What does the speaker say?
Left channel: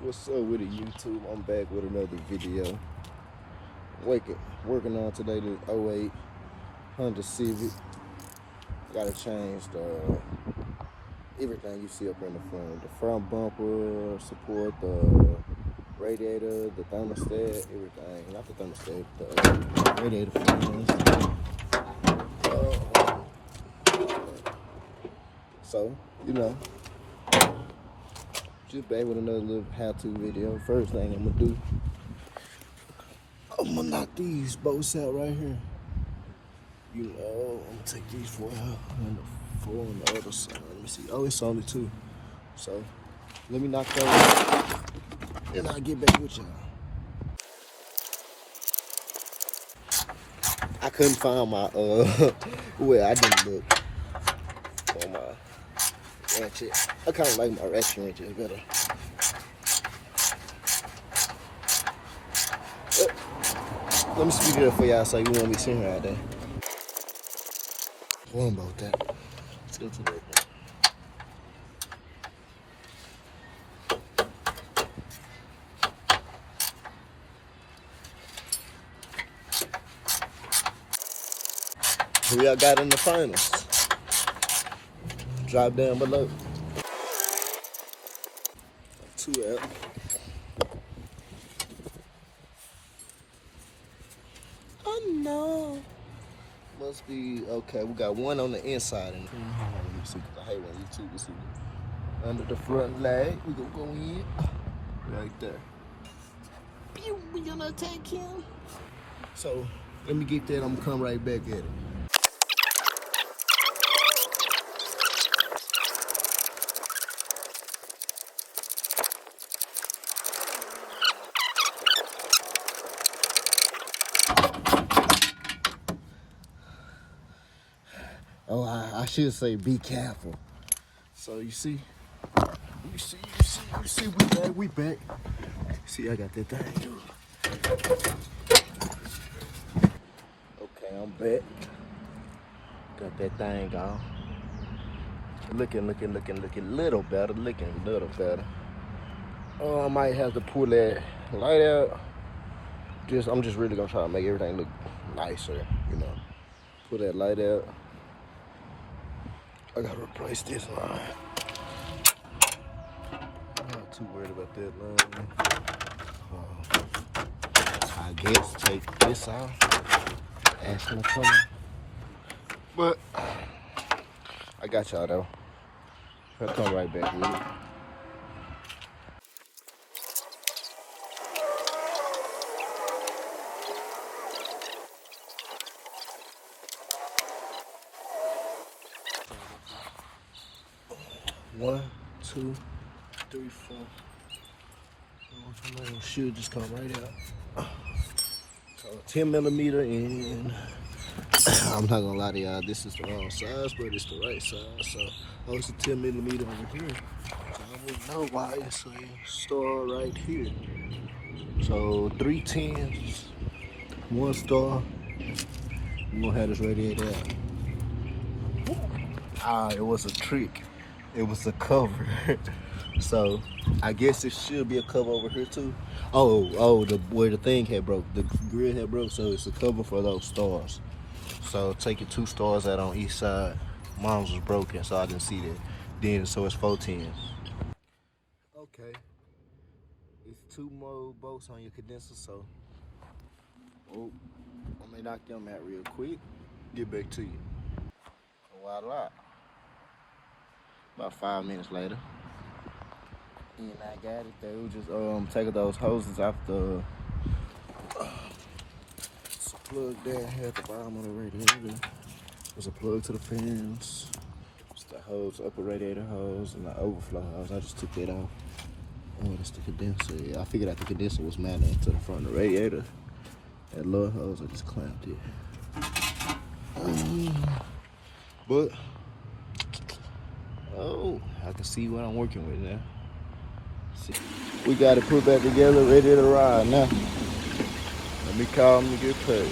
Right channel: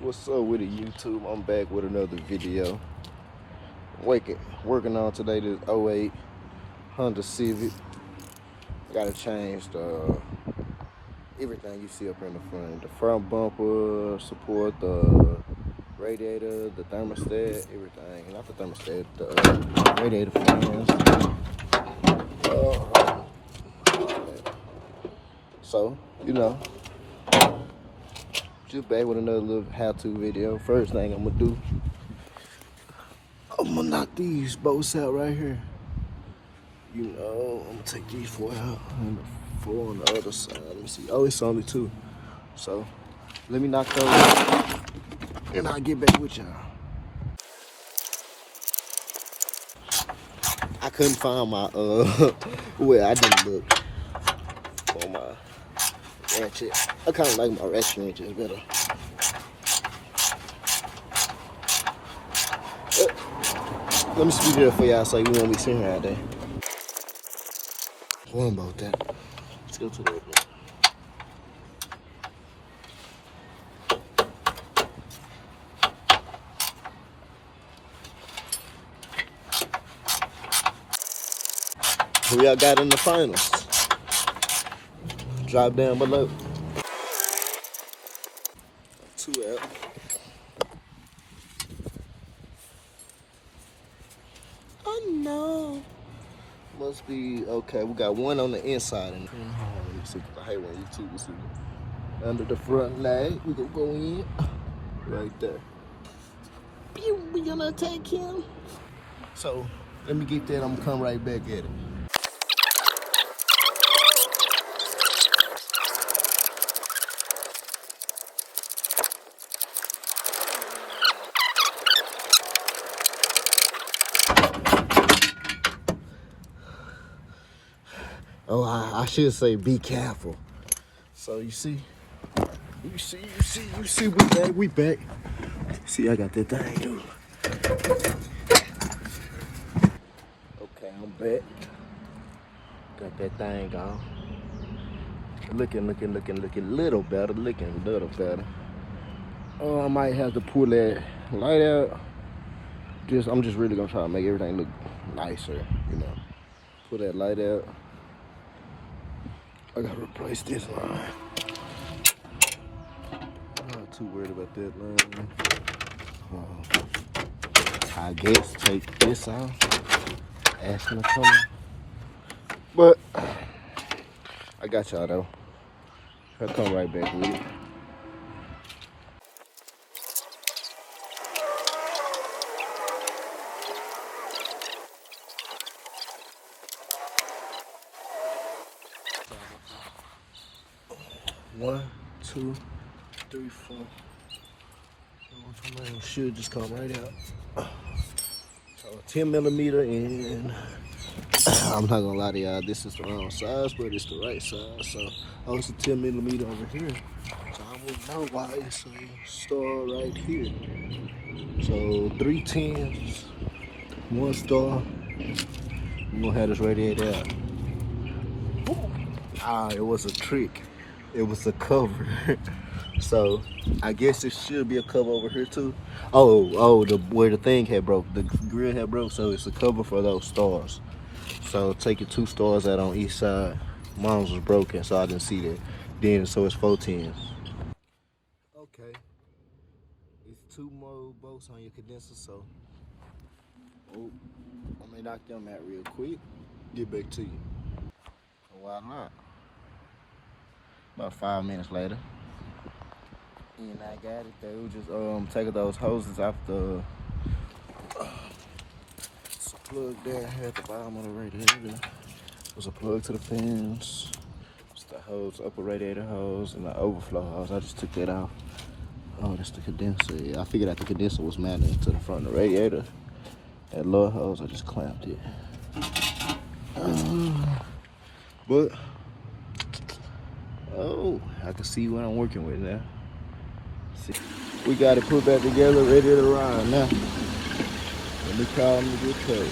What's up with it, YouTube? I'm back with another video. Working on today the 08 Honda Civic. Gotta change everything you see up in the front. The front bumper, support the radiator, the thermostat, everything. Not the thermostat, the radiator fans. So, you know, just back with another little how-to video. First thing I'm gonna do, I'm gonna knock these bolts out right here. You know, I'm gonna take these four out and four on the other side. Let me see. Oh, it's only two. So let me knock those out and I'll get back with y'all. I couldn't find my well, I didn't look for my ratchet. I kinda like my ratchet better. Let me speed it up for y'all so you won't be seeing out there. What about that? Let's go to the who y'all got in the finals? Drop down below. Two up. Oh no. Must be okay. We got one on the inside. Let's see. I hate when you see under the front leg. We gonna go in right there. Pew, we gonna attack him. So let me get that. I'm gonna come right back at it. Oh, I should say be careful. So you see, we back. See, I got that thing, dude. Okay, I'm back. Got that thing going. Looking a little better, I might have to pull that light out. I'm just really gonna try to make everything look nicer, you know. Put that light out. I gotta replace this one. I'm not too worried about that, man. I guess take this out. Ash gonna come out. But I got y'all though. I'll come right back with it. One, two, three, four. Should just come right out. So 10 millimeter and I'm not gonna lie to y'all, this is the wrong size, but it's the right size. So it's a 10 millimeter over here. So I wouldn't know why it's a star right here. So 3 10s, 1 star. I'm gonna have this radiator out. It was a trick. It was a cover. So I guess it should be a cover over here too. Where the thing had broke, the grill had broke, so it's a cover for those stars. So taking 2 stars out on each side. Mine was broken, so I didn't see the dent, so it's 4 10s. Okay. There's 2 more bolts on your condenser, so I may knock them out real quick. Get back to you. Voila. About 5 minutes later. And I got it though. Just taking those hoses off the plug there at the bottom of the radiator. There's a plug to the fans. It's the hose, upper radiator hose, and the overflow hose. I just took that out. Oh, that's the condenser. Yeah, I figured out the condenser was mounted to the front of the radiator. That lower hose, I just clamped it. But I can see what I'm working with now. See. We got it put back together, ready to ride now. Let me call them and get paid.